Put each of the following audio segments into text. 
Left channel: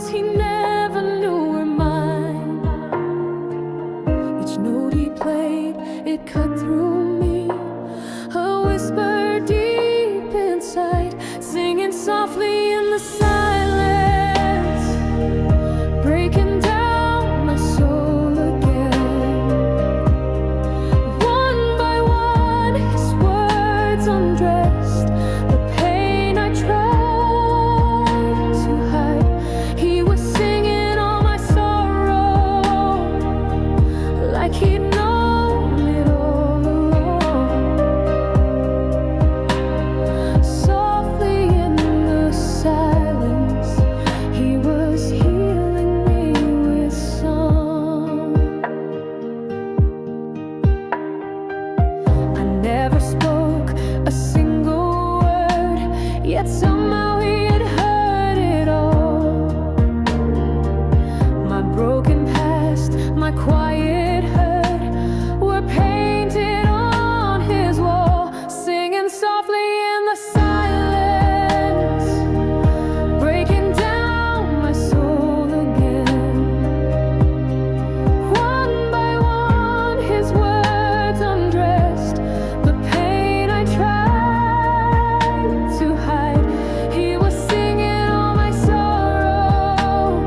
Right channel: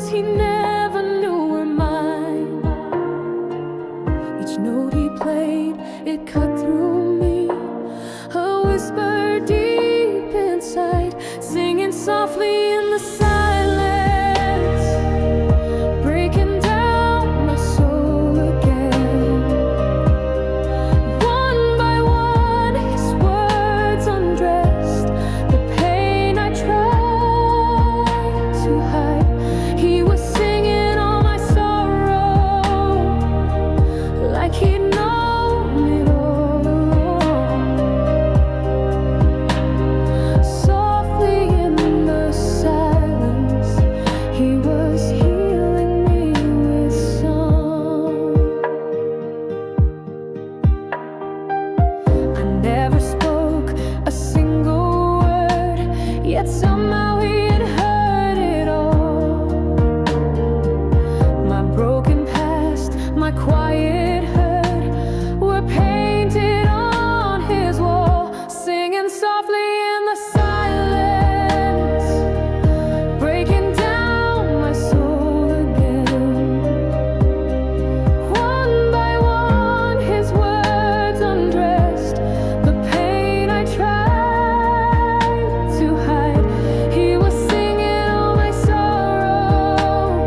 melodies he never knew were mine. Each note he played, it cut through me, a whisper deep inside, singing softly in the silence, breaking down my soul again. One by one his words undressed the pain I tried to hide. He was singing all my sorrow, like he'd known it all along. Softly in the silence, he was healing me with song. I never spoke a single word, yet somehow he had heard it all. My broken past, my quiet hurt were painted on his wall, singing softly in the silence, breaking down my soul again. One by one his words undressed the pain I tried to hide. He was singing all my sorrow,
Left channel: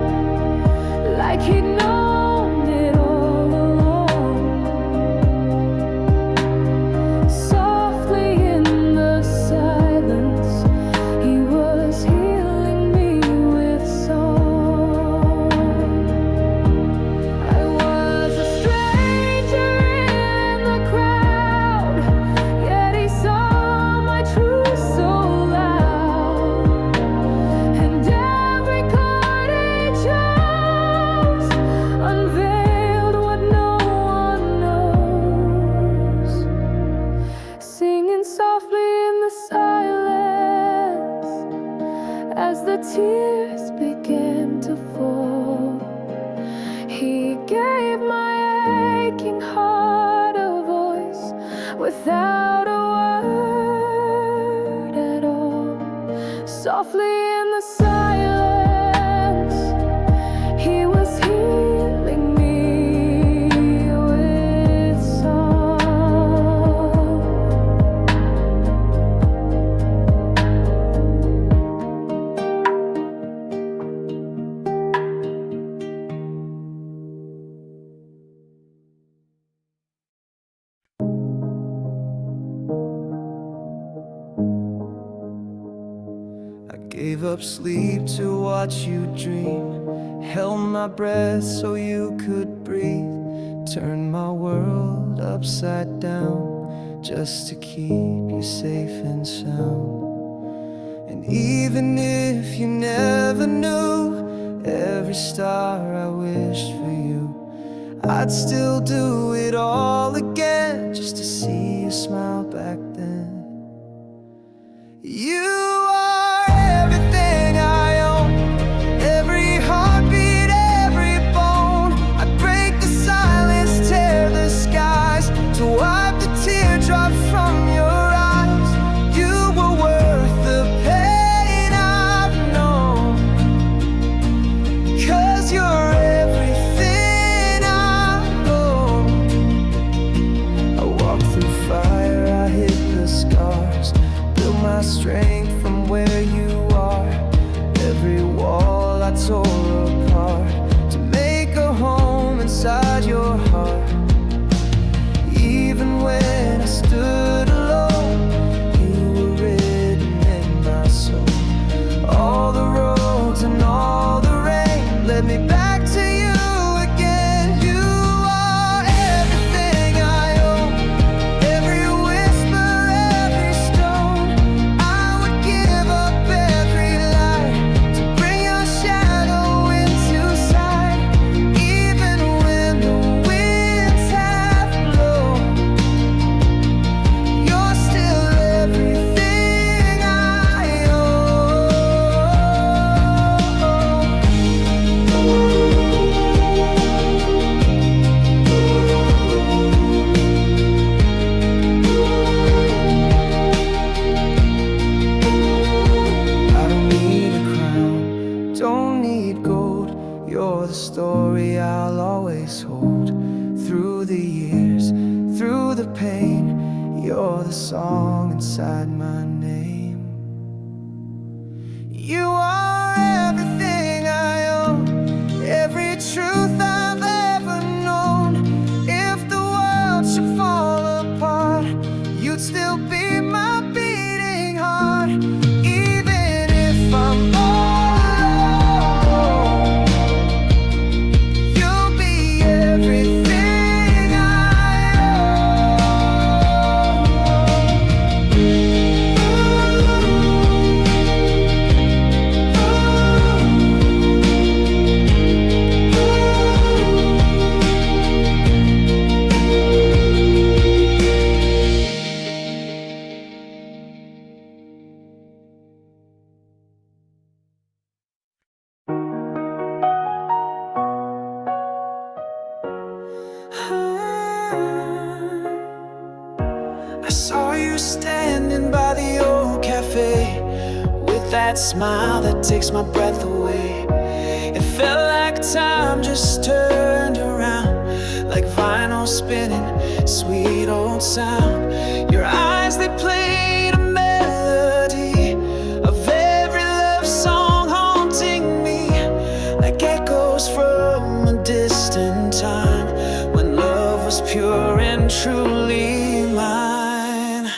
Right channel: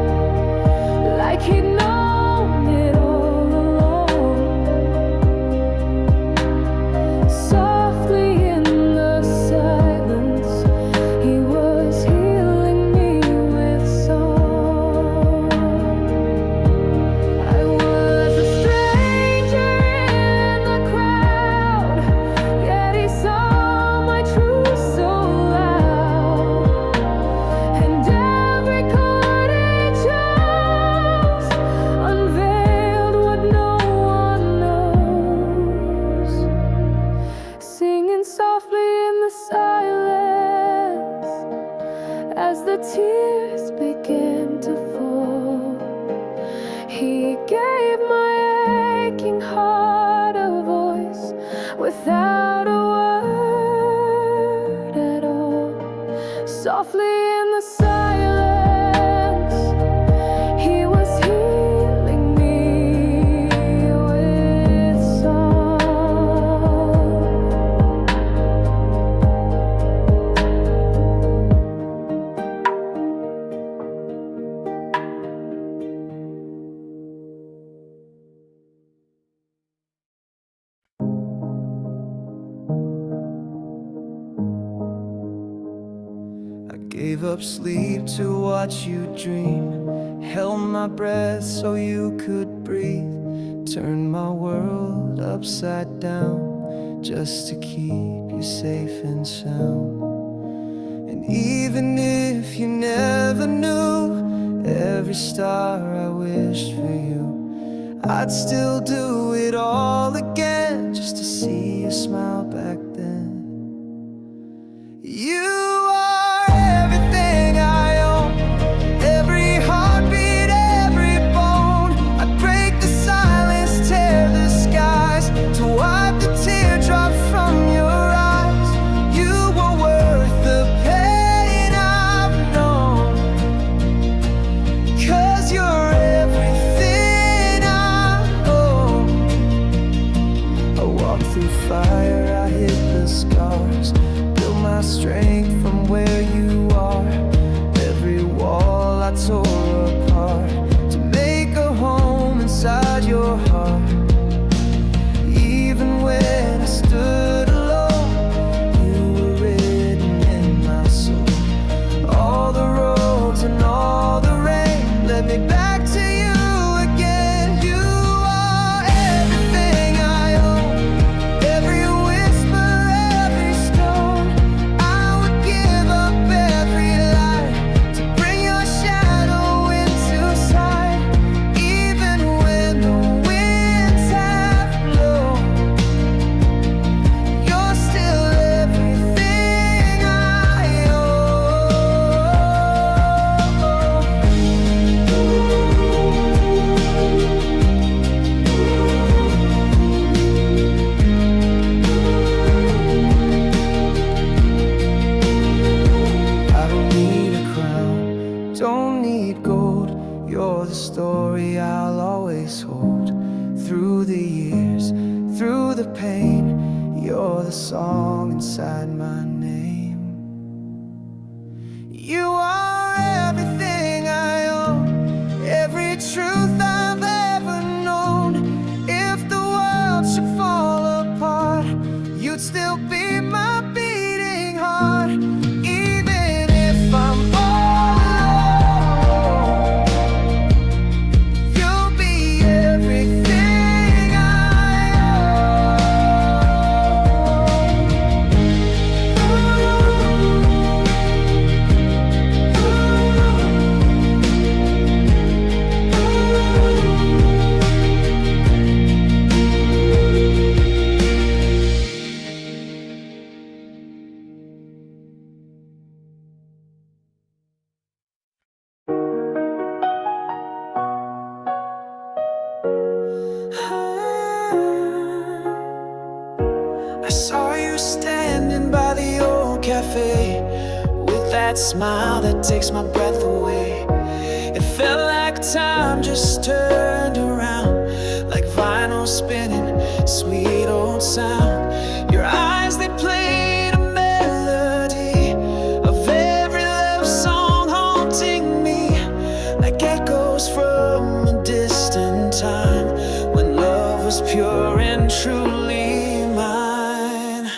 like he'd known it all along. Softly in the silence, he was healing me with song. I was a stranger in the crowd, yet he saw my truth so loud. And every chord he chose unveiled what no one knows, singing softly in the silence as the tears began to fall. He gave my aching heart a voice without a word at all. Softly in the silence, he was healing me with song. I gave up sleep to watch you dream, held my breath so you could breathe, turned my world upside down just to keep you safe and sound. And even if you never knew every star I wished for you, I'd still do it all again just to see you smile back then. You are everything I own, every heartbeat, every bone. I'd break the silence, tear the skies to wipe the teardrops from your eyes. You were worth the pain I've known, 'cause you're everything I own. I walked through fire, I hit the scars, built my strength from where you are. Every wall I tore apart to make a home inside your heart. Even when I stood alone, you were written in my soul. All the roads and all the rain led me back to you again. You are everything I own, every whisper, every stone. I would give up every light to bring your shadow into sight. Even when the winds have blown, you're still everything I own. don't need gold. You're the story I'll always hold. Through the years, through the pain, you're the song inside my name. You are everything I own, every truth I've ever known. If the world should fall apart, you'd still be my beating heart. Even if I'm all alone, you'll be everything I own. I saw you standing by the old cafe with that smile that takes my breath away. It felt like time just turned around, like vinyl spinning, sweet old sound. Your eyes, they played a melody of every love song haunting me, like echoes from a distant time when love was pure and truly mine.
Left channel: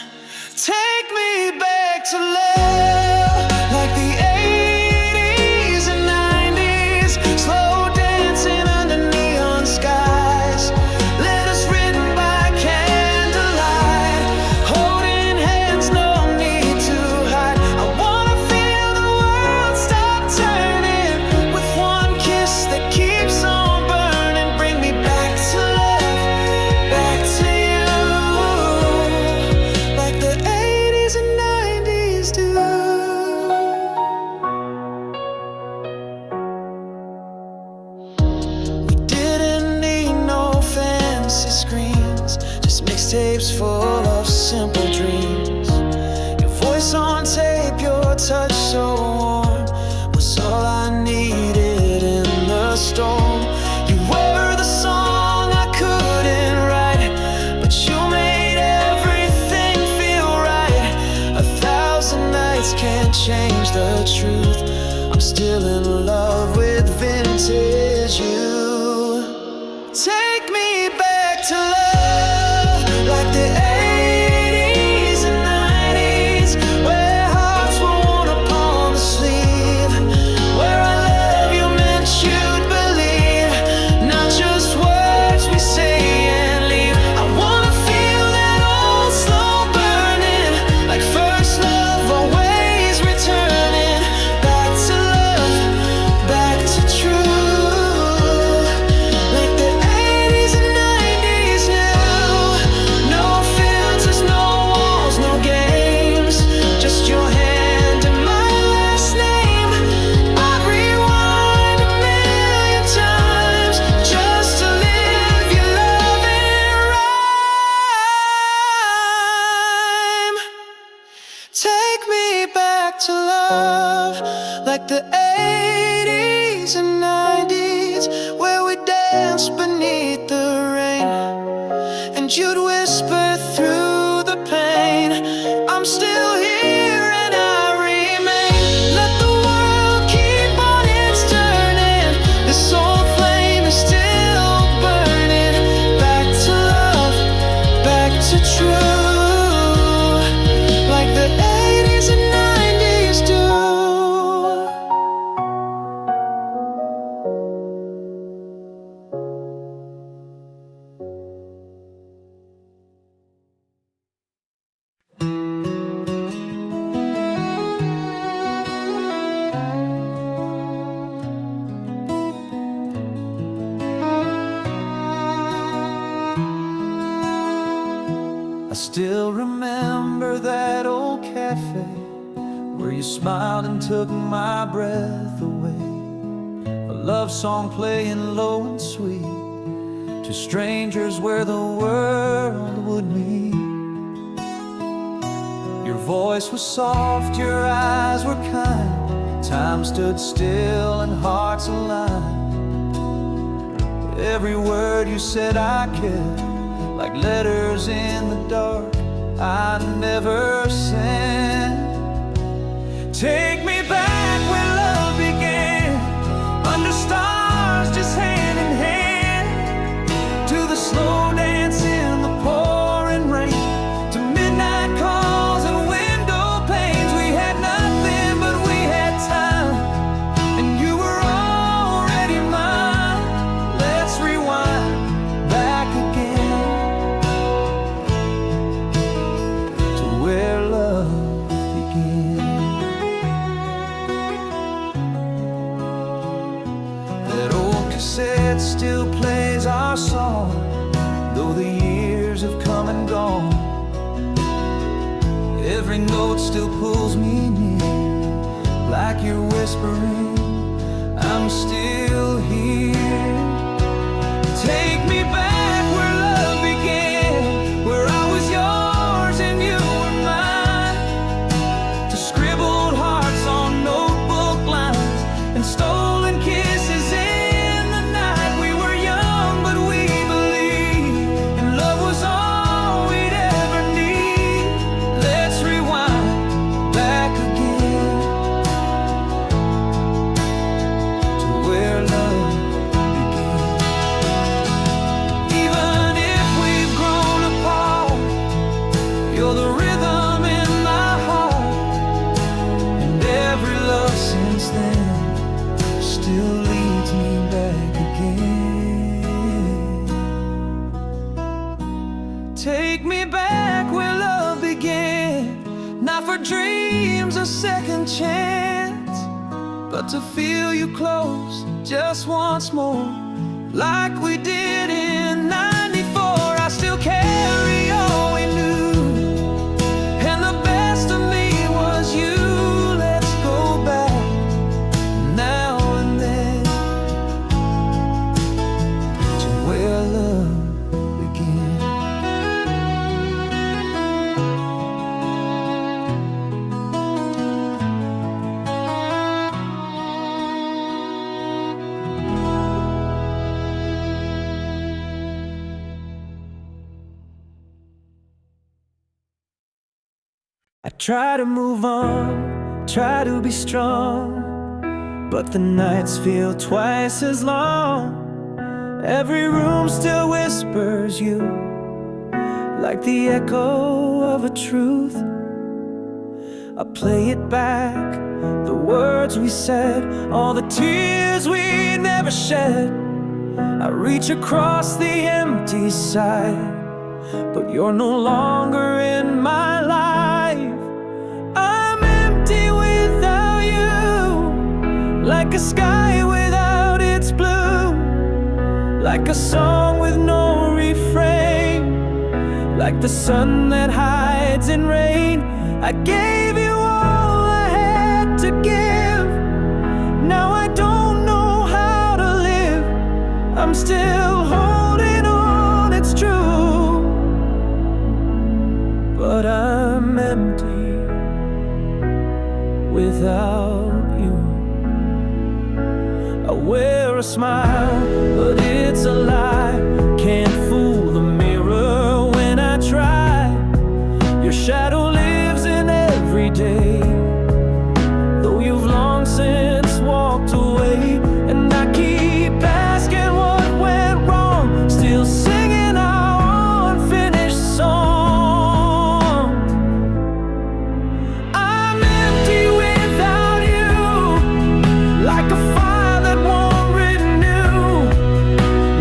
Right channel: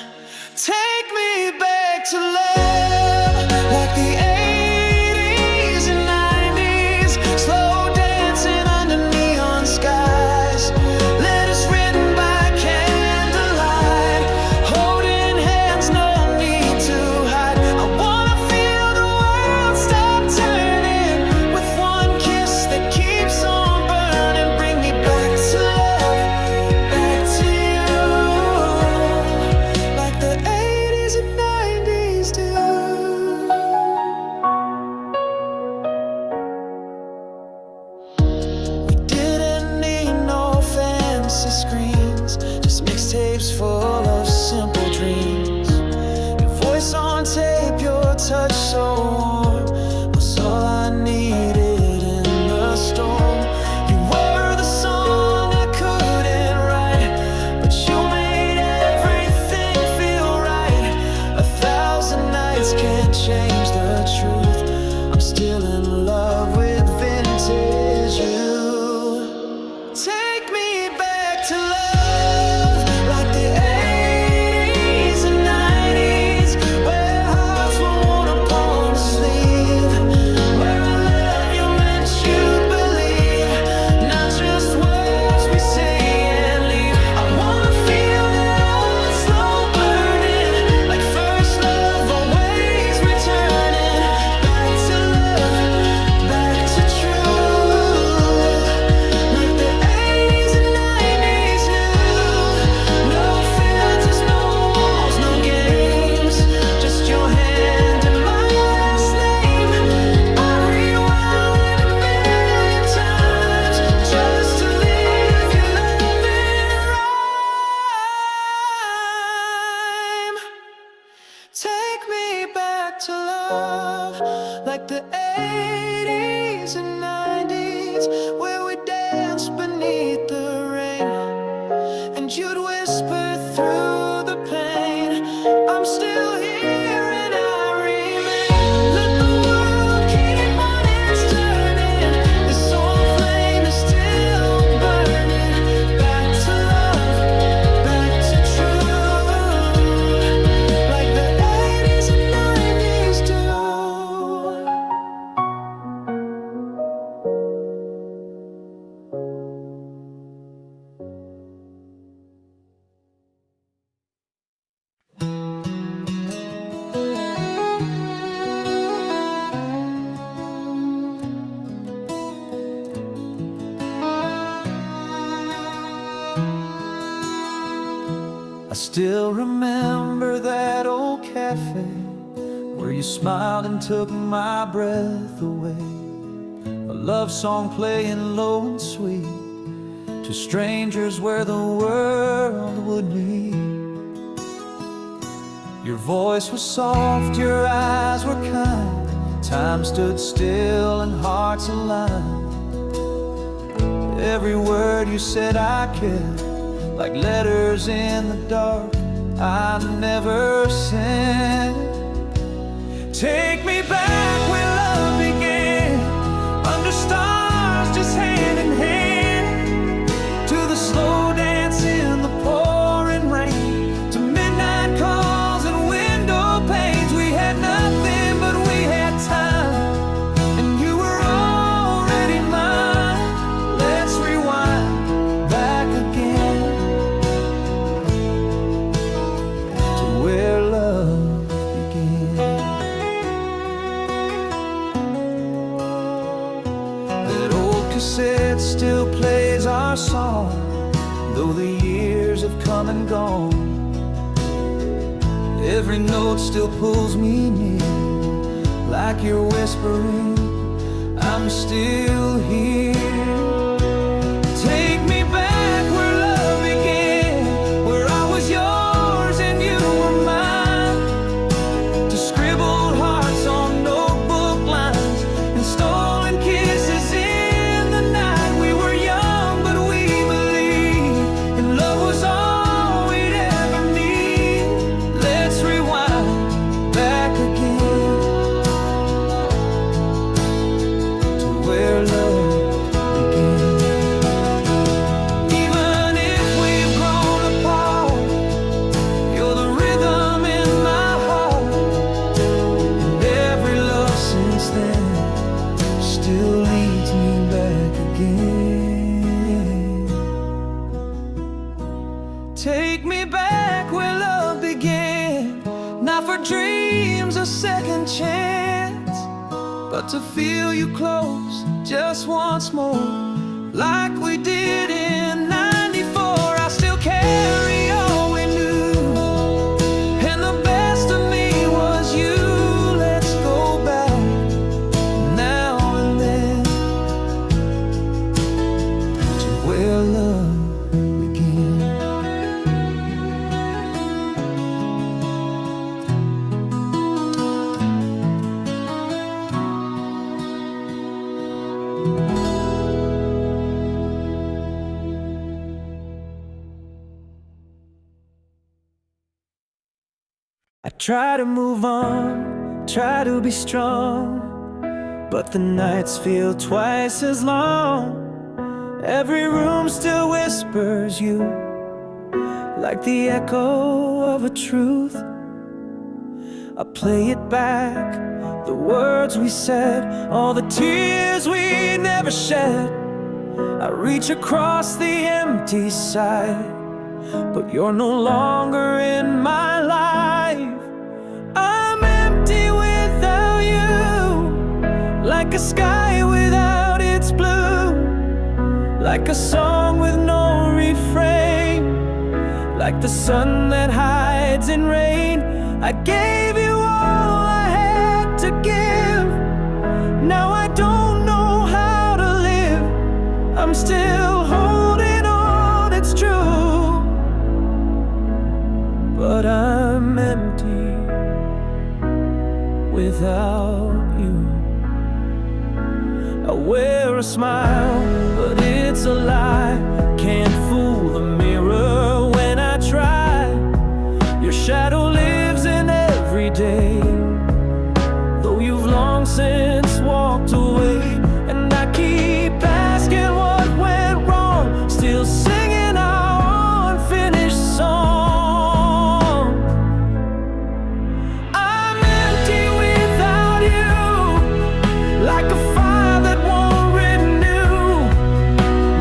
Take me back to love, like the 80s and 90s, slow dancing under neon skies. Letters written by candlelight, holding hands, no need to hide. I wanna feel the world stop turning with one kiss that keeps on burning. Bring me back to love, back to you, like the 80s and 90s do. We didn't need no fancy screens, just mixtapes full of simple dreams. Your voice on tape, your touch so warm, was all I needed in the storm. You were the song I couldn't write, but you made everything feel right. 1,000 nights can't change the truth, I'm still in love with vintage you. Take me back to love, like the 80s and 90s, where hearts were worn upon the sleeve, where I love you meant you'd believe, not just words we say and leave. I wanna feel that old slow burning, like first love, always returning. Back to love, back to truth, like the 80s and 90s knew. No filters, no walls, no games, just your hand and my last name. I'd rewind a million times just to live your love in rhyme. Take me back to love, like the 80s and 90s, where we danced beneath the rain, and you'd whisper through the pain, I'm still here and I remain. Let the world keep on its turning, this old flame is still burning. Back to love, back to true, like the 80s and 90s do. I still remember that old cafe where you smiled and took my breath away. A love song playing low and sweet to strangers where the world would meet. Your voice was soft, your eyes were kind, Time stood still and hearts aligned. Every word you said I kept, like letters in the dark I never sent. Take me back where love began, under stars just hand in hand, to the slow dance in the pouring rain, to midnight calls and window panes. We had nothing but we had time, and you were already mine. Let's rewind back again to where love began. That old cassette still plays our song, though the years have come and gone. Every note still pulls me near, like you're whispering, I'm still here. Take me back where love began, where I was yours and you were mine, to scribbled hearts on notebook lines and stolen kisses in the night. We were young, but we believed, and love was all we'd ever need. Let's rewind back again to where love began. Even if we've grown apart, you're the rhythm in my heart, and every love since then still leads me back again. Take me back where love began, not for dreams a second chance, but to feel you close just once more, like we did in '94. I still carry all we knew, and the best of me was you. Let's go back now and then to where love began. I try to move on, try to be strong, but the nights feel twice as long. Every room still whispers you, like the echo of a truth. I play it back, the words we said, all the tears we never shed. I reach across the empty side, but you're no longer in my life. I'm empty without you, like a sky without its blue, like a song with no refrain, like the sun that hides in rain. I gave you all I had to give, now I don't know how to live. I'm still holding on, it's true, but I'm empty without you. I wear a smile, but it's a lie. Can't fool the mirror when I try. Your shadow lives in every day, though you've long since walked away. And I keep asking what went wrong, still singing our unfinished song. I'm empty without you, like a fire that won't renew,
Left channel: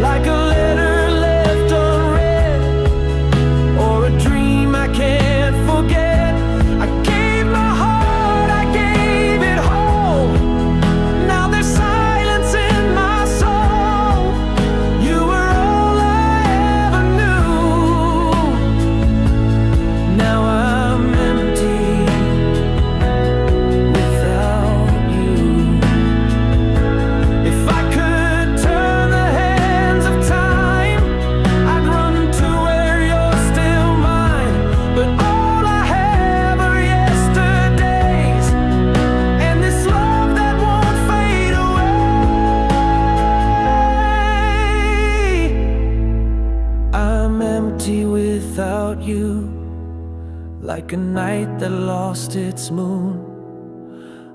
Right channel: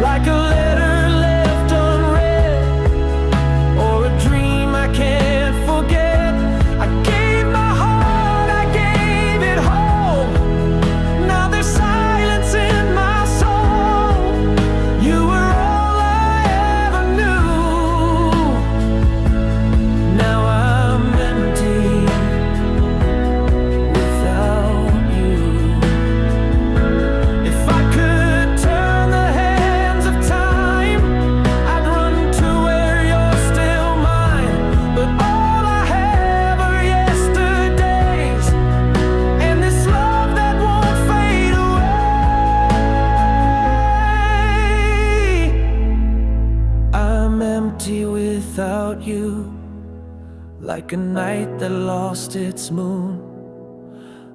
like a letter left unread, or a dream I can't forget. I gave my heart, I gave it whole. Now there's silence without you, like a night that lost its moon.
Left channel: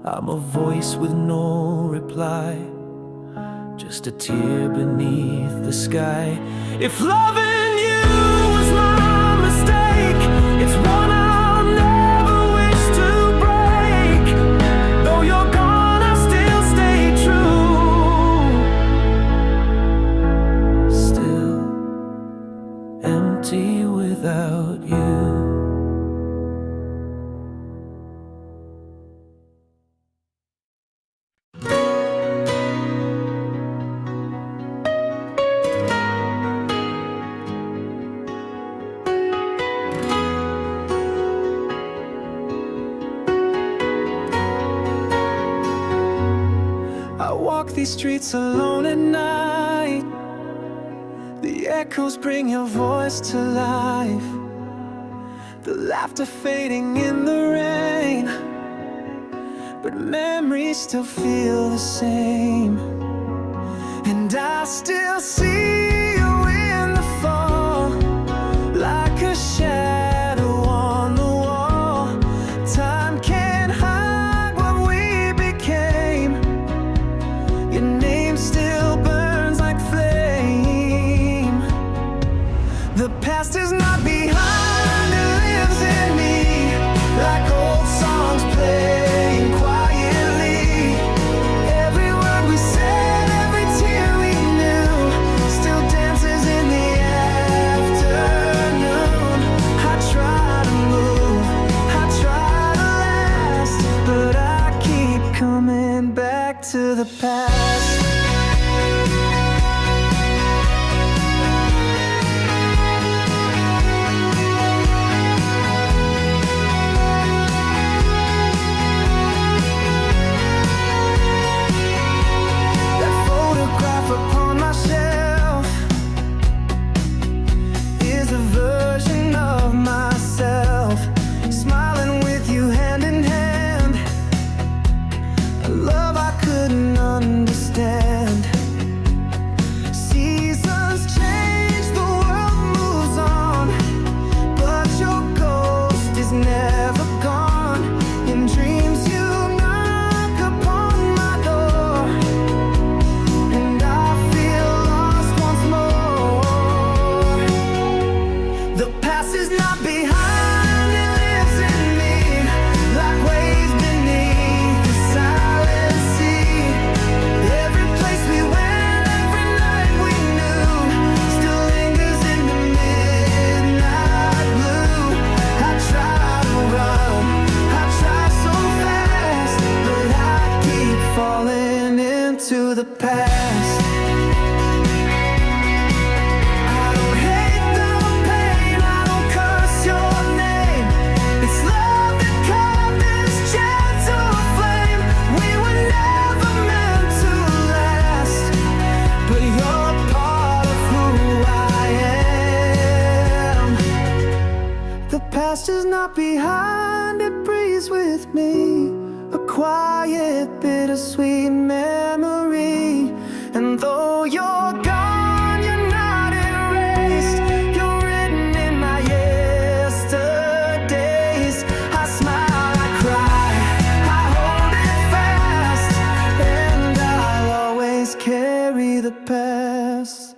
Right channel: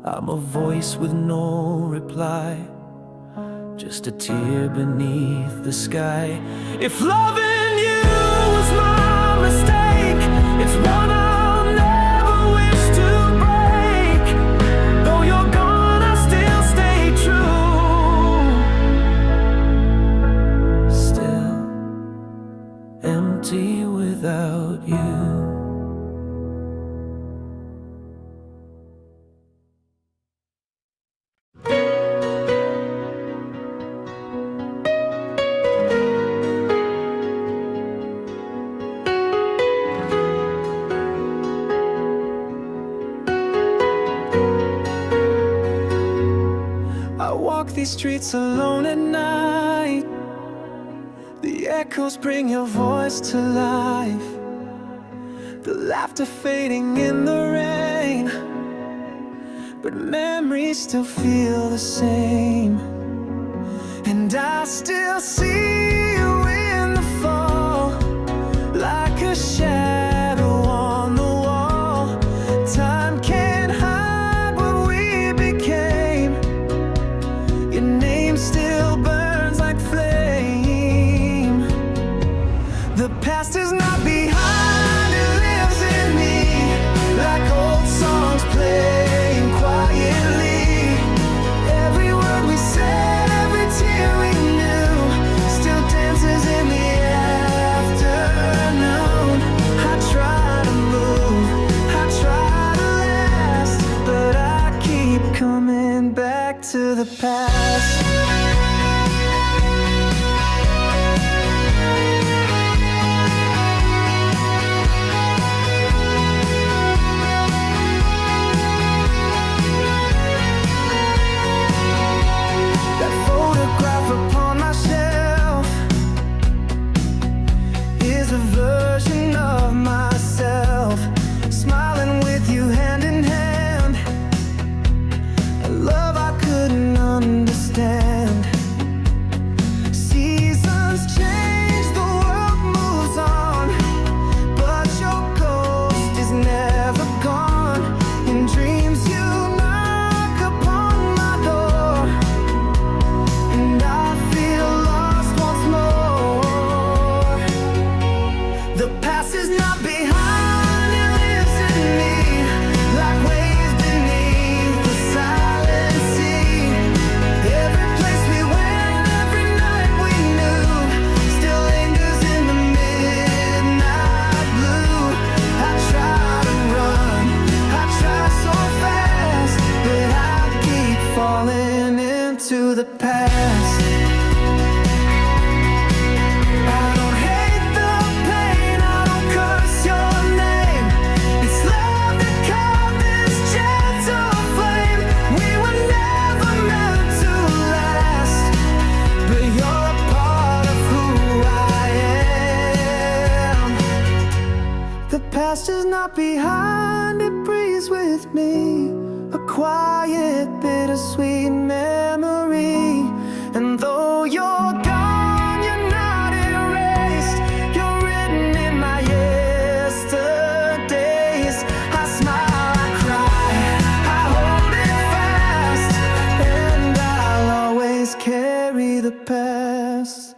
I'm a voice with no reply, just a tear beneath the sky. If loving you was my mistake, it's one I'll never wish to break. Though you're gone, I still stay true. Still empty without you. I walk these streets alone at night. The echoes bring your voice to life. The laughter fading in the rain, but memories still feel the same. And I still see you in the fall, like a shadow on the wall. Time can't hide what we became. Your name still burns like flame. The past is not behind, it lives in me, like old songs playing quietly. Every word we said, every tear we knew, still dances in the afternoon. I try to move, I try to last, but I keep coming back to the past. That photograph upon my shelf is a version of myself, smiling with you hand in hand. A love I couldn't understand. Seasons change, the world moves on, but your ghost is never gone. In dreams you knock upon my door, and I feel lost once more. The past is not behind, it lives in me, like waves beneath the silent sea. Every place we went, every night we knew, still lingers in the midnight blue. I try to run, I try so fast, but I keep falling into the past. I don't hate the pain, I don't curse your name. It's love that caught this gentle flame. We were never meant to last, but you're a part of who I am. The past is not behind, it breathes with me, a quiet, bittersweet memory. And though you're gone, you're not erased. You're written in my yesterdays. I smile, I cry, I hold it fast, and I'll always carry the past.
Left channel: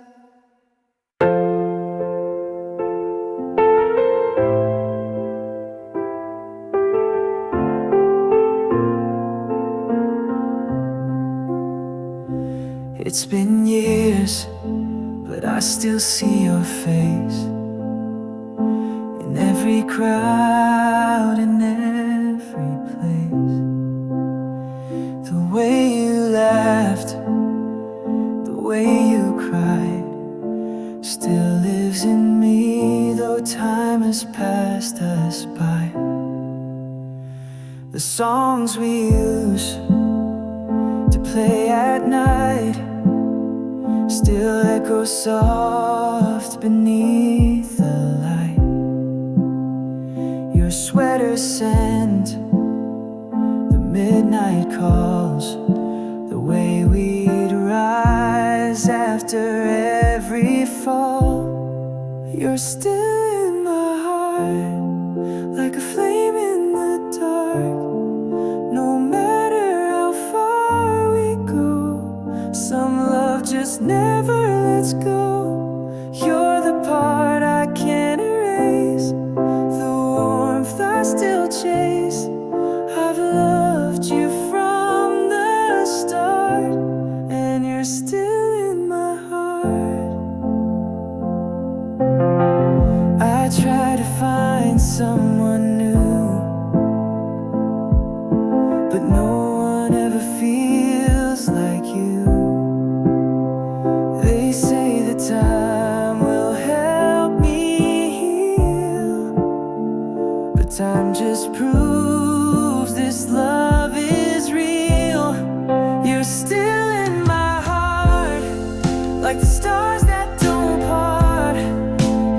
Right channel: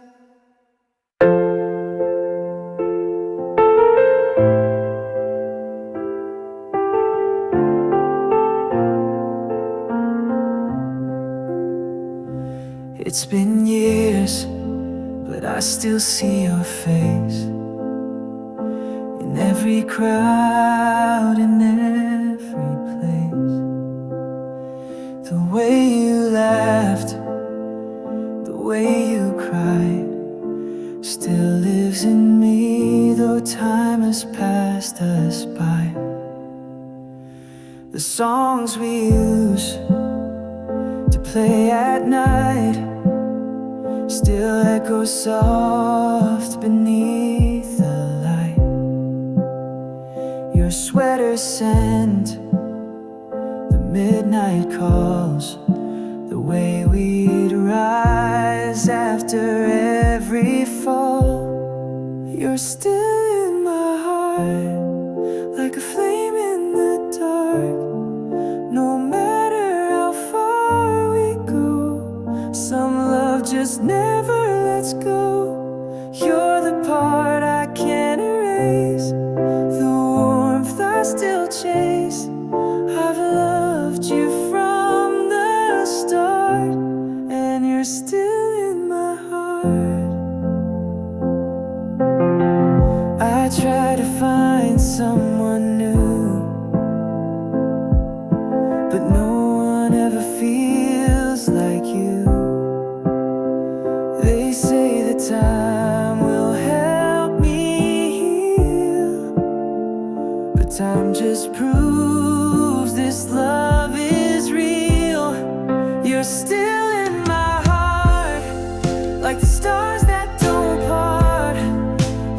It's been years, but I still see your face in every crowd, in every place. The way you laughed, the way you cried, still lives in me, though time has passed us by. The songs we use to play at night still echo soft beneath the light. Your sweater scent, the midnight calls, the way we'd rise after every fall. You're still in my heart. Some love just never lets go. You're the part I can't erase, the warmth I still chase. I've loved you from the start, and you're still in my heart. I try to find someone new, but no one ever feels like you. They say that time will help me heal, but time just proves this love is real. You're still in my heart, like the stars that don't part.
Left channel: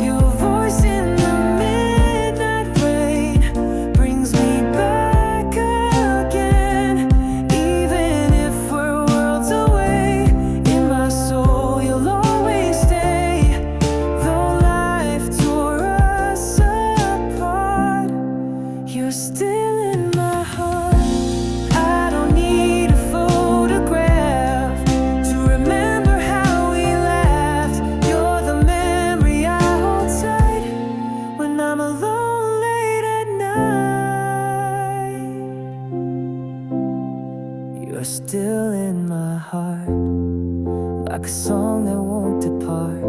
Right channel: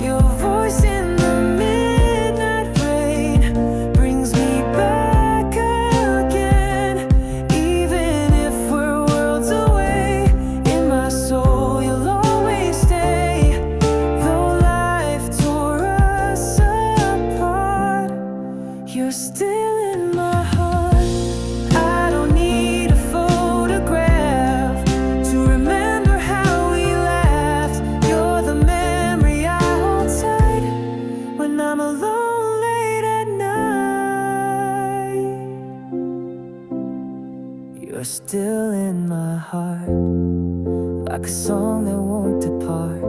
Your voice in the midnight rain brings me back again. Even if we're worlds away, in my soul you'll always stay. Though life tore us apart, you're still in my heart. I don't need a photograph to remember how we laughed. You're the memory I hold tight when I'm alone late at night. You're still in my heart, like a song that won't depart.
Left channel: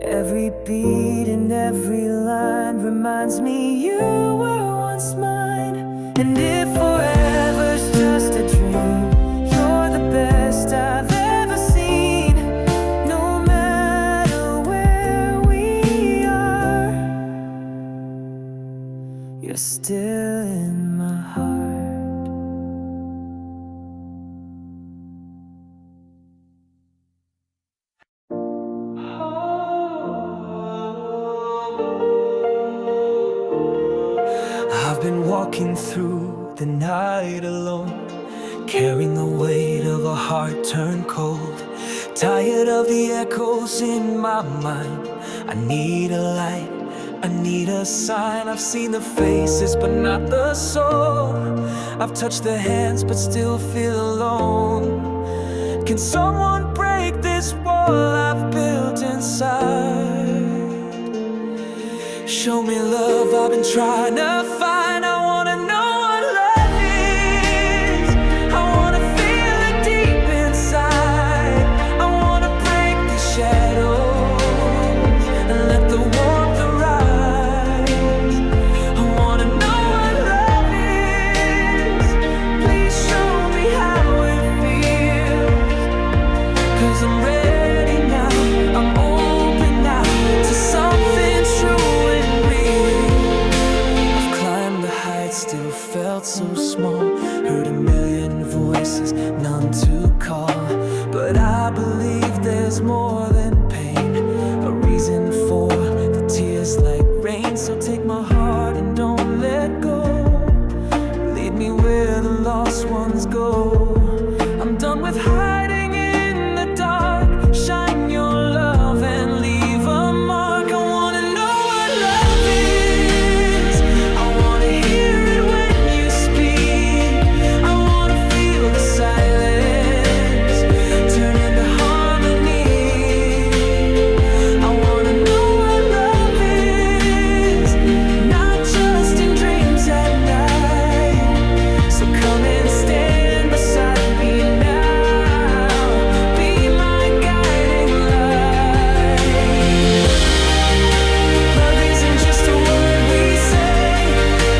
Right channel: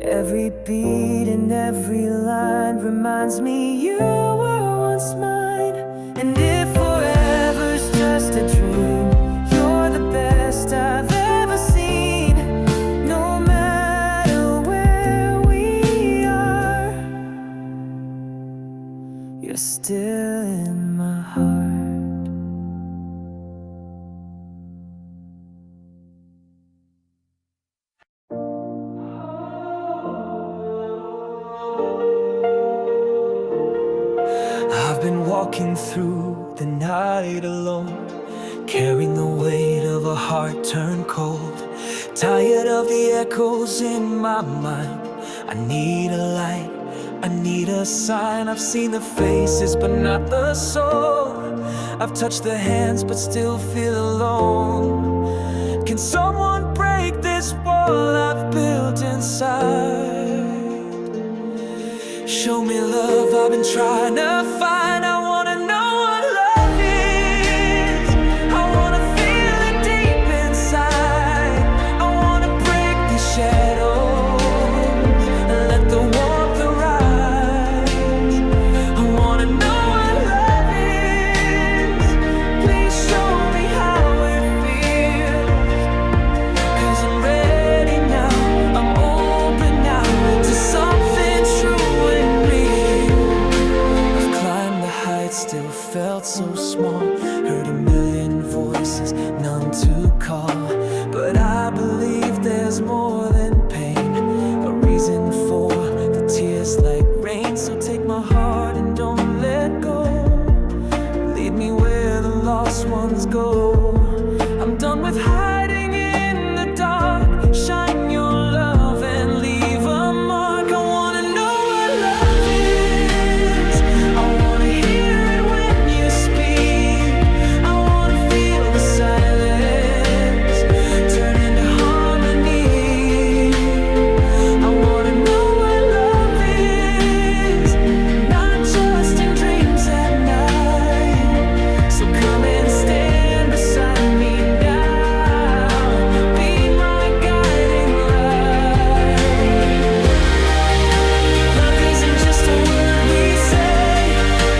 Every beat and every line reminds me you were once mine. And if forever's just a dream, you're the best I've ever seen. No matter where we are, you're still in my heart. I've been walking through the night alone, carrying the weight of a heart turned cold. Tired of the echoes in my mind, I need a light, I need a sign. I've seen the faces but not the soul. I've touched the hands but still feel alone. Can someone break this wall I've built inside? Show me love I've been trying to find. I wanna know what love is. I wanna feel it deep inside. I wanna break these shadows and let the warmth arise. I wanna know what love is. Please show me how it feels. 'Cause I'm ready now, I'm open now to something true and real. I've climbed the heights, still felt so small. Heard a million voices, none to call. But I believe there's more than pain, a reason for the tears like rain. So take my heart and don't let go. Lead me where the lost ones go. I'm done with hiding in the dark. Shine your love and leave a mark. I wanna know what love is. I wanna hear it when you speak. I wanna feel the silence turn into harmony. I wanna know what love is, not just in dreams at night. So come and stand beside me now. Just a word we say,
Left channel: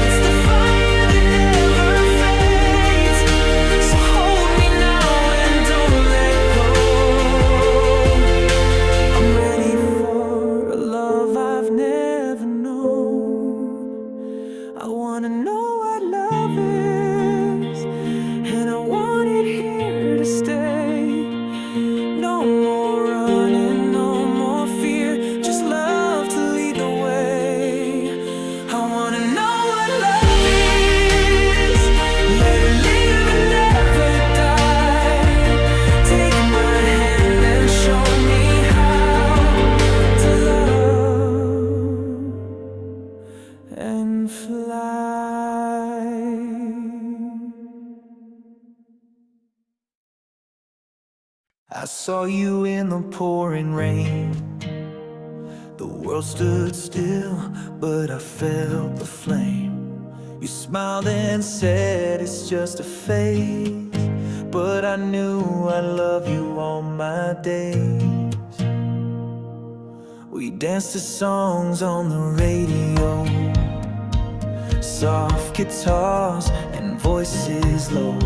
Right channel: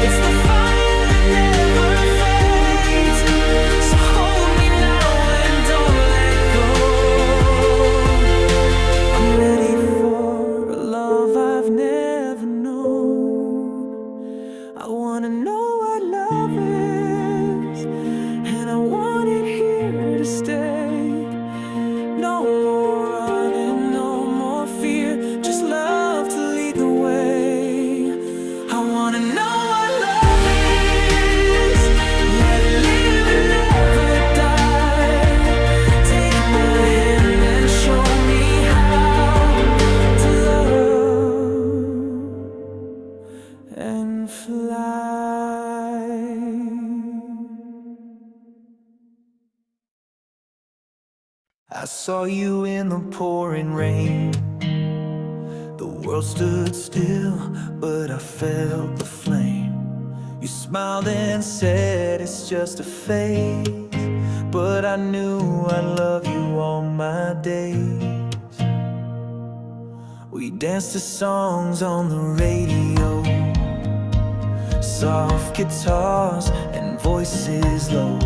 it's the fire that never fades. So hold me now and don't let go. I'm ready for a love I've never known. I wanna know what love is, and I want it here to stay. No more running, no more fear, just love to lead the way. I wanna know what love is. Let it live and never die. Take my hand and show me how to love and fly. I saw you in the pouring rain. The world stood still, but I felt the flame. You smiled and said it's just a phase, but I knew I'd love you all my days. We danced to songs on the radio, soft guitars and voices low.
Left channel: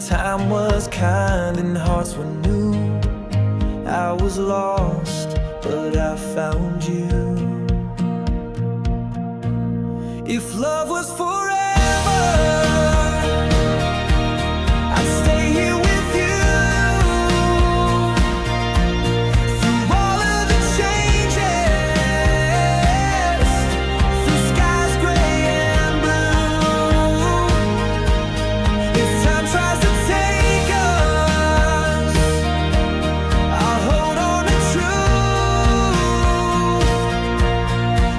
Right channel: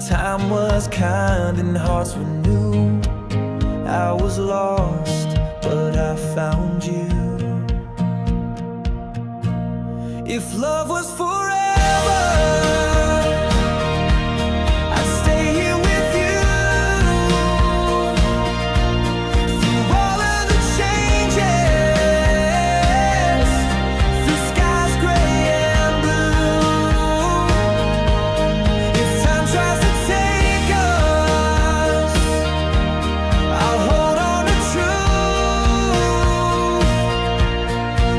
Time was kind and hearts were new. I was lost, but I found you. If love was forever, I'd stay here with you. Through all of the changes, through skies gray and blue. If time tries to take us, I'll hold on to truth.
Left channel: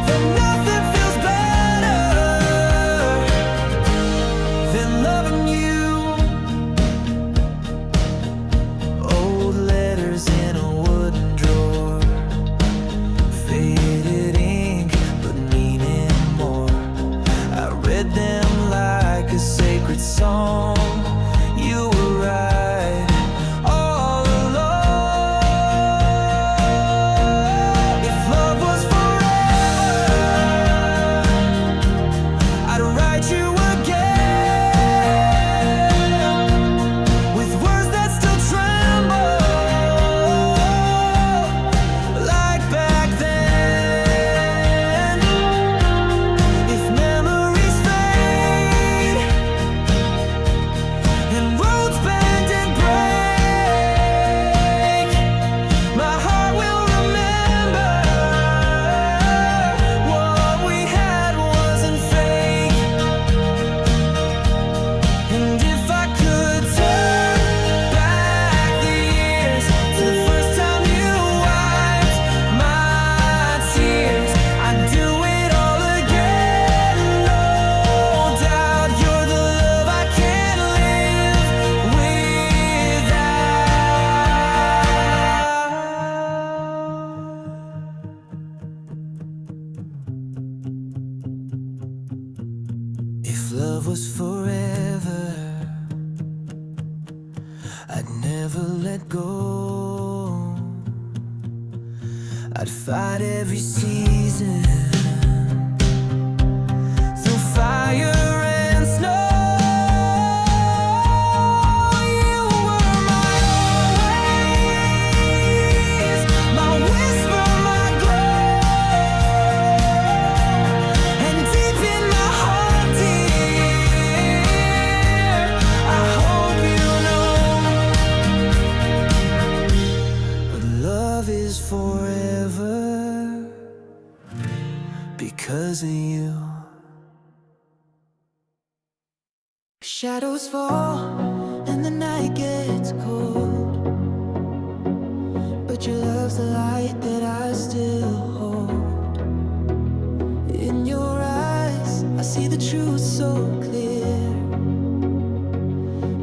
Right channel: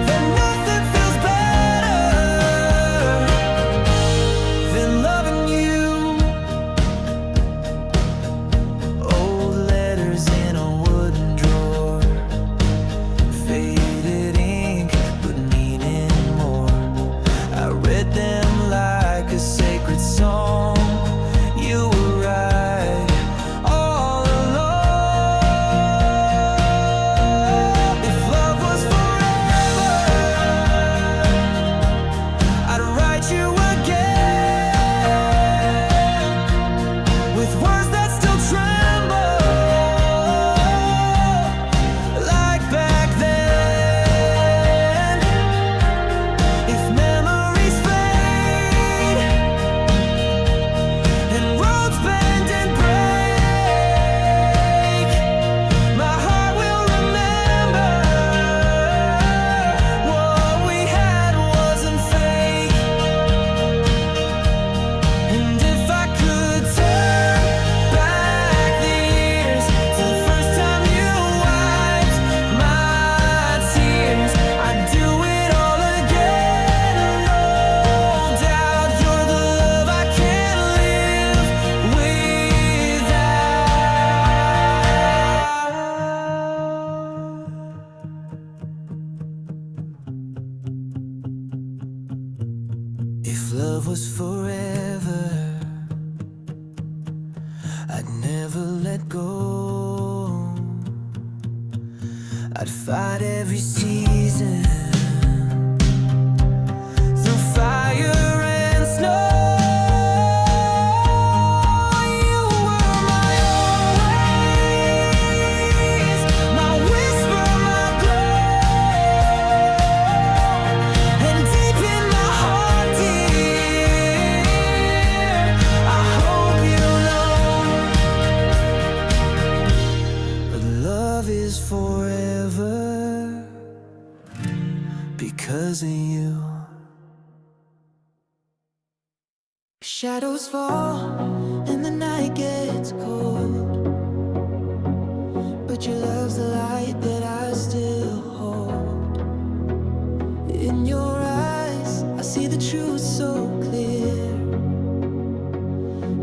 Then nothing feels better than loving you. Old letters in a wooden drawer, faded ink, but meaning more. I read them like a sacred song. You were right all along. If love was forever, I'd write you again with words that still tremble like back then. If memories fade and roads bend and break, my heart will remember what we had wasn't fake. And if I could turn back the years to the first time you wiped my tears, I'd do it all again. No doubt you're the love I can't live without. If love was forever, I'd never let go. I'd fight every season through fire and snow. You were my always, my whisper, my glow. And deep in my heart, dear, I hope you know that love is forever because of you. Shadows fall and the night gets cold, but your love's the light that I still hold. In your eyes, I see the truth so clear.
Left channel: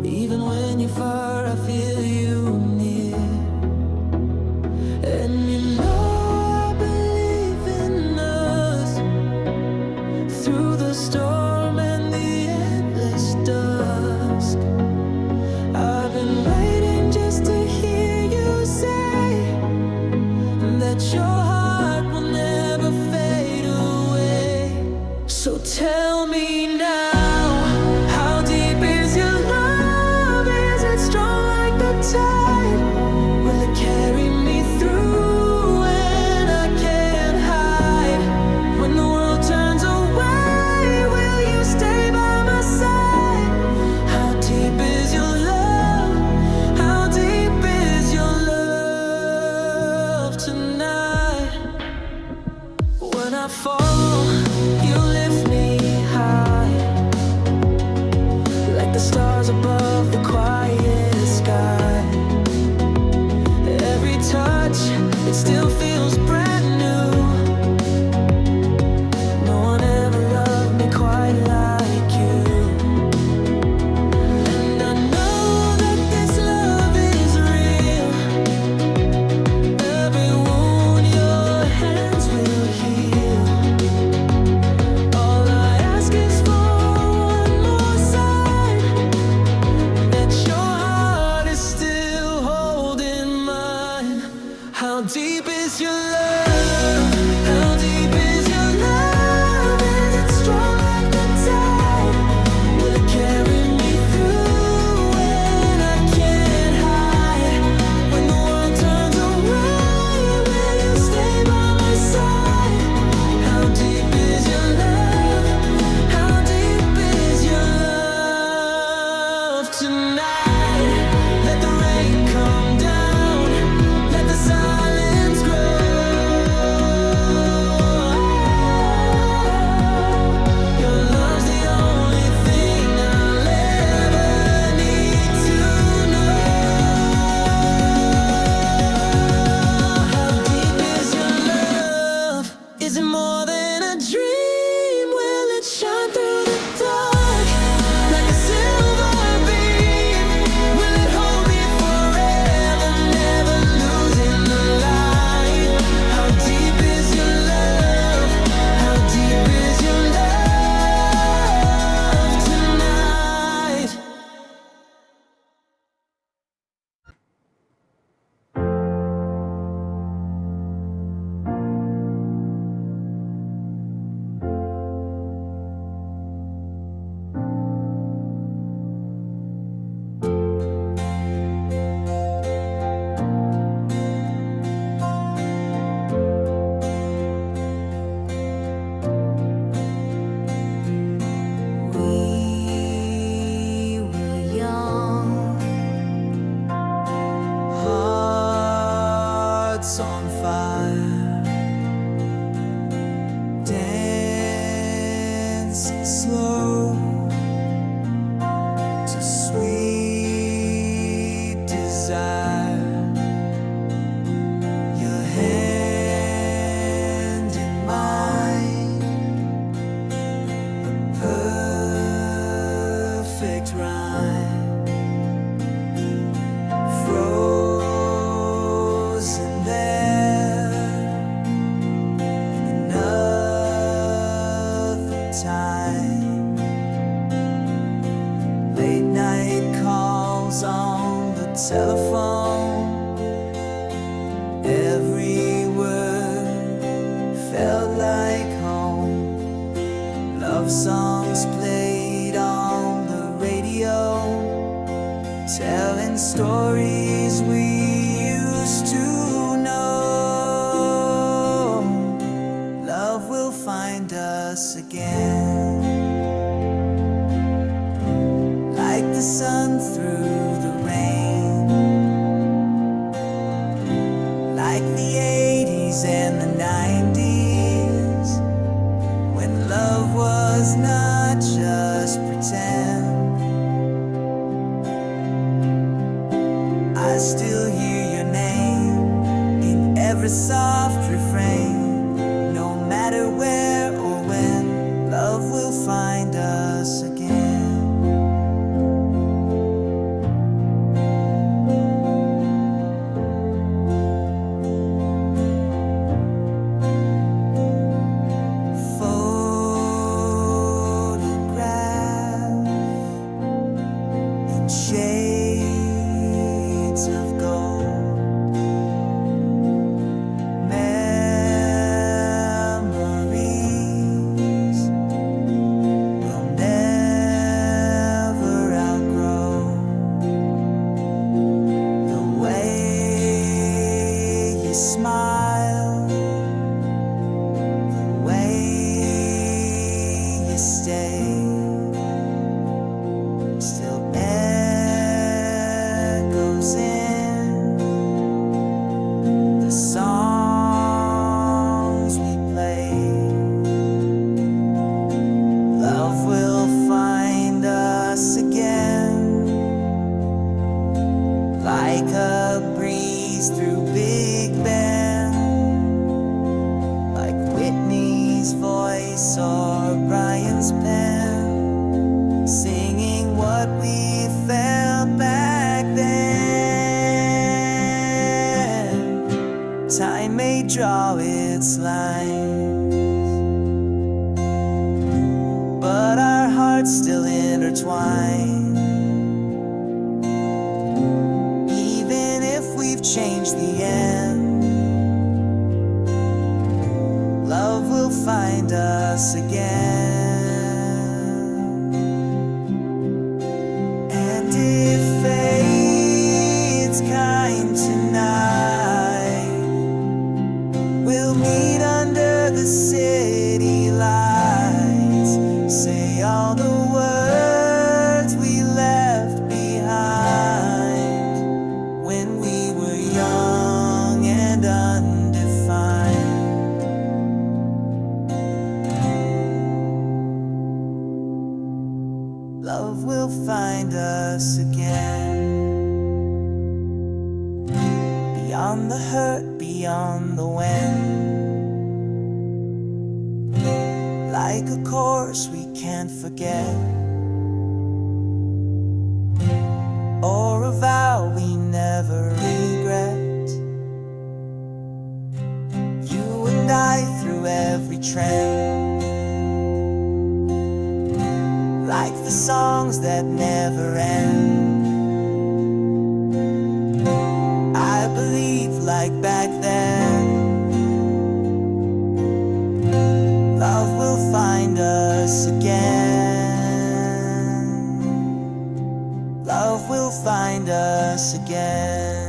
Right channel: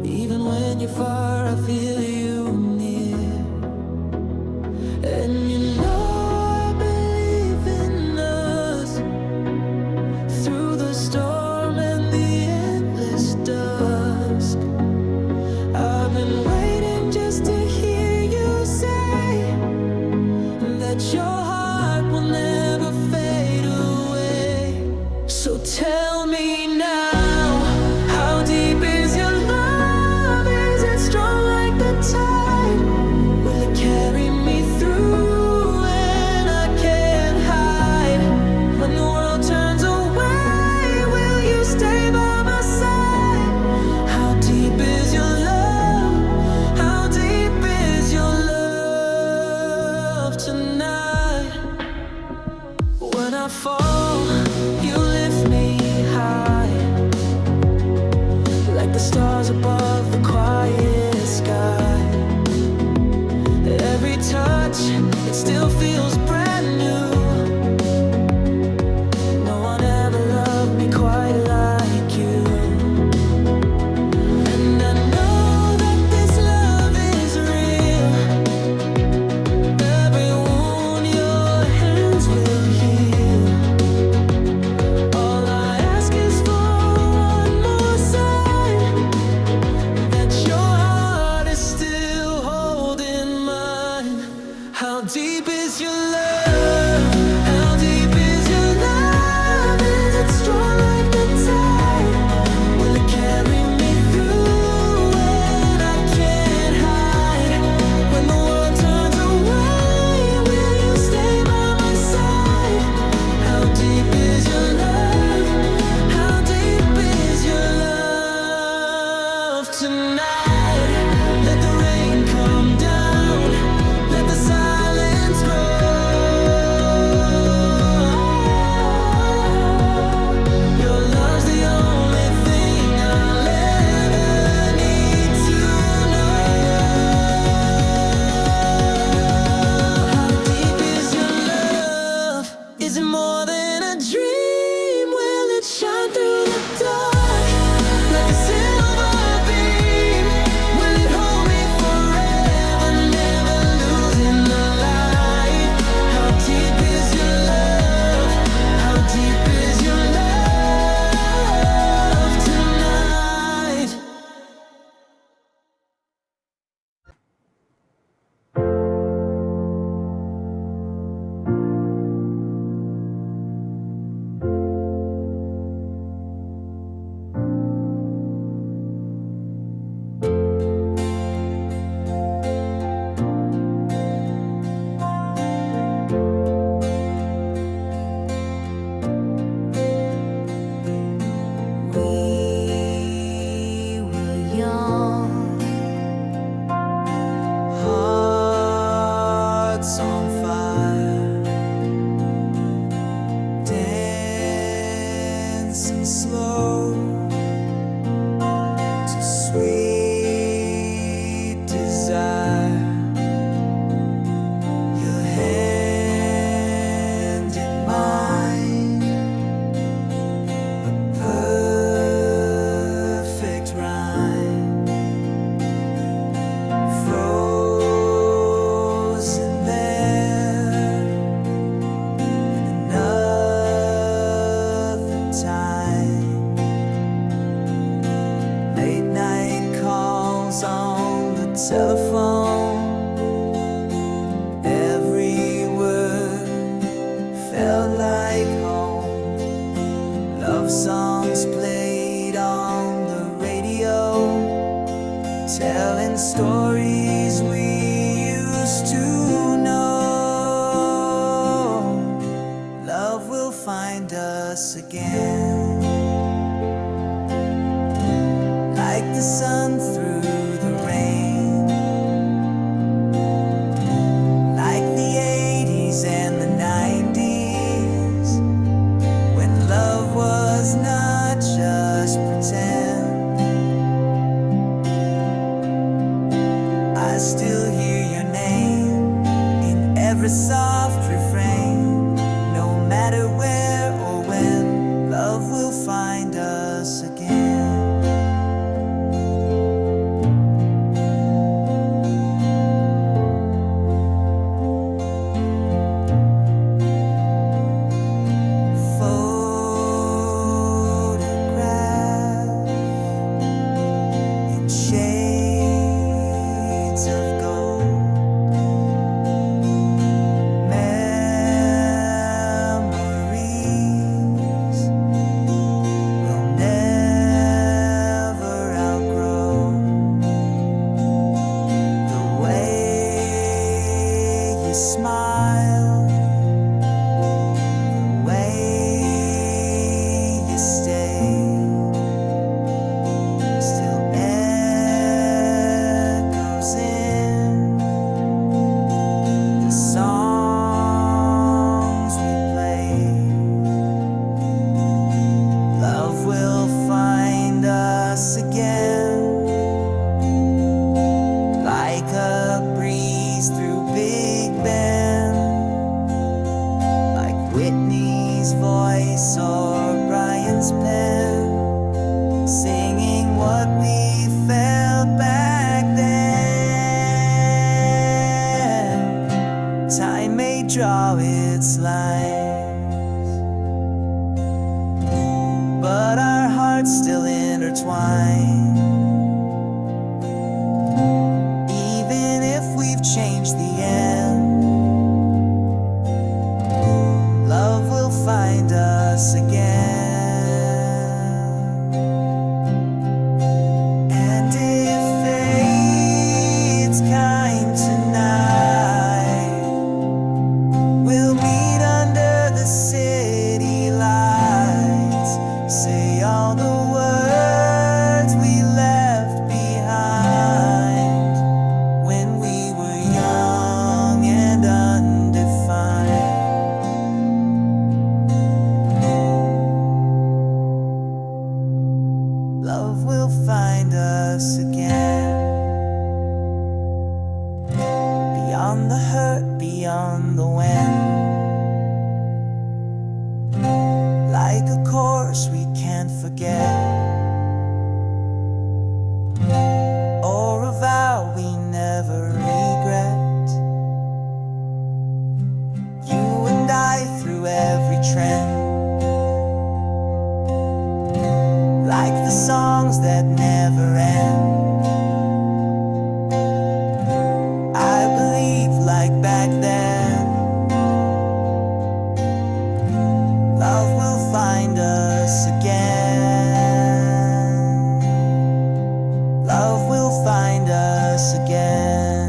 Even when you're far, I feel you near. And you know I believe in us through the storm and the endless dusk. I've been waiting just to hear you say that your heart will never fade away. So tell me now, how deep is your love? Is it strong like the tide? Will it carry me through when I can't hide? When the world turns away, will you stay by my side? How deep is your love? How deep is your love tonight? When I fall, you lift me high, like the stars above the quiet sky. Every touch, it still feels brand new. No one ever loved me quite like you. And I know that this love is real. How deep is your love? How deep is your love? Is it strong like the tide? Will it carry me through when I can't hide? When the world turns away, will you stay by my side? How deep is your love? How deep is your love tonight? Let the rain come down, let the silence grow. Your love's the only thing I'll ever need to know. How deep is your love? Is it more than a dream? Will it shine through the dark like a silver beam? Will it hold me forever, never losing the light? How deep is your love? How deep is your love tonight? We were young, hearts on fire, dancing slow to sweet desire. Your hand in mine, a perfect rhyme, frozen there in another time. Late night calls on the telephone, every word felt like home. Love songs played on the radio, telling stories we used to know. Love will find us again, like the sun through the rain, like the 80s and the 90s, when love was not just pretend. I still hear your name in every soft refrain. No matter where or when, love will find us again. Photograph in shades of gold, memories will never outgrow. The way you smile, the way you stay, still echoes in the songs we play. Love will find us again, like a breeze through Big Ben, like Whitney's voice or Brian's pen, singing what we felt back then. Time may draw its lines, but our hearts still intertwine. Even if we've changed the end, love will find us again. And if fate's kind tonight, we'll meet under the city lights. Say all the words we left behind when we were young and undefined. Love will find us again. Beyond the hurt, beyond the wind, like a course we can't forget, or a vow we never regret. You and I through every trend, like the songs that never end. I believe like back then, love will find us again. Love will find us again.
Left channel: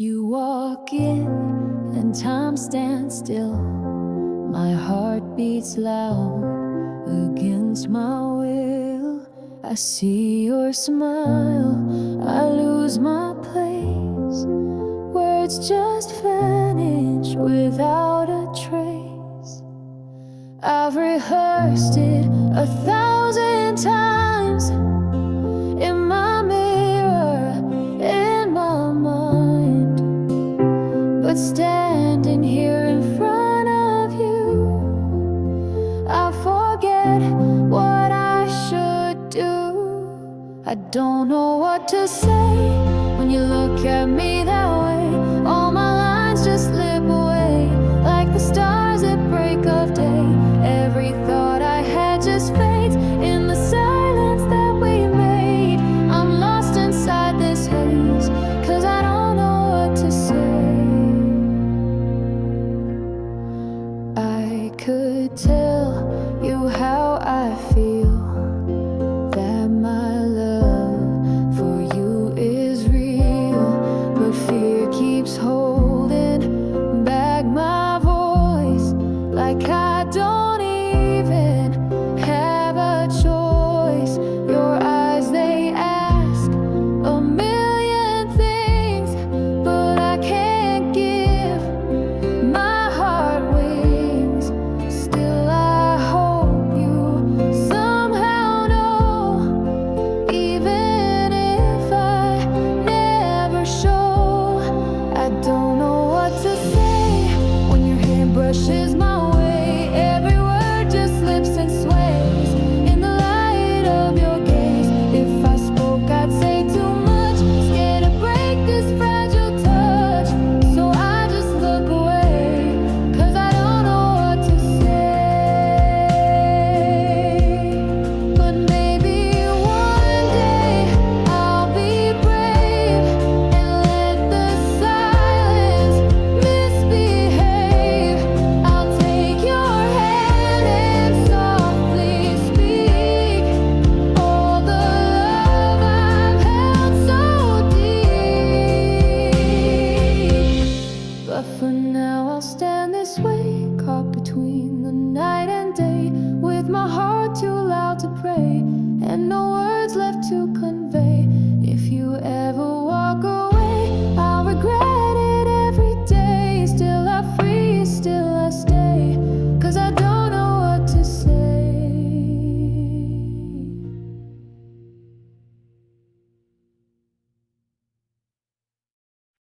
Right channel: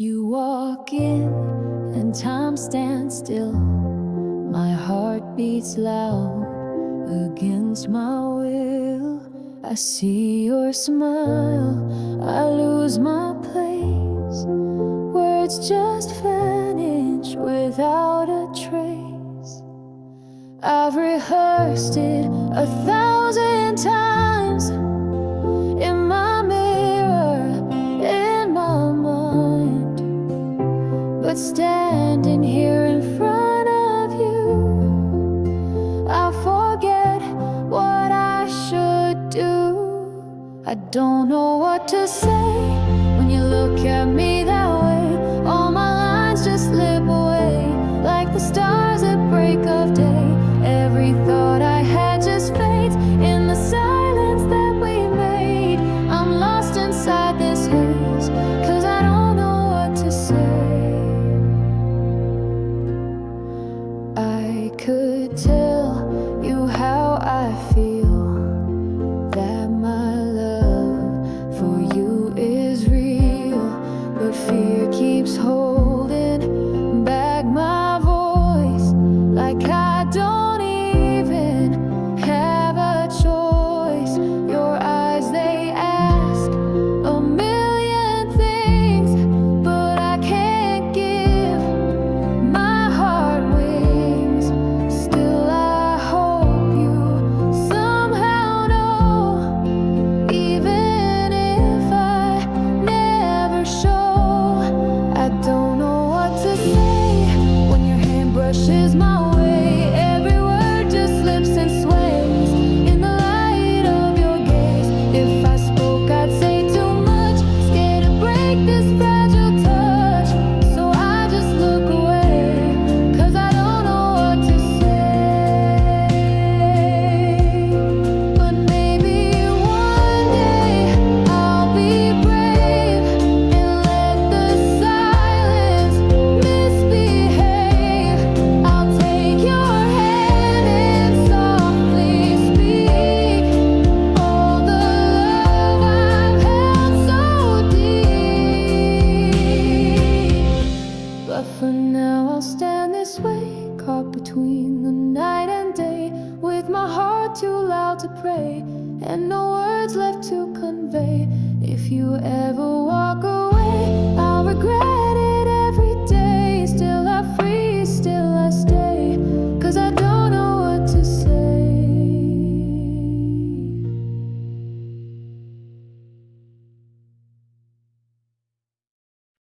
You walk in and time stands still. My heart beats loud against my will. I see your smile, I lose my place. Words just vanish without a trace. I've rehearsed it 1,000 times in my mirror, in my mind. But standing here in front of you, I forget what I should do. I don't know what to say when you look at me that way. All my lines just slip away like the stars at break of day. Every thought I had just fades in the silence that we made. I'm lost inside this haze, 'cause I don't know what to say. I could tell you how I feel, that my love for you is real. But fear keeps holding back my voice, like I don't even have a choice. Your eyes, they ask a million things, but I can't give my heart wings. Still I hope you somehow know, even if I never show. I don't know what to say when your hand brushes my way. Every word just slips and sways in the light of your gaze. If I spoke, I'd say too much, scared to break this fragile touch. So I just look away, 'cause I don't know what to say. But maybe one day I'll be brave and let the silence misbehave. I'll take your hand and softly speak all the love I've held so deep. But for now I'll stand this way, caught between the night and day, with my heart too loud to pray and no words left to convey. If you ever walk away, I'll regret it every day. Still I freeze, still I stay, 'cause I don't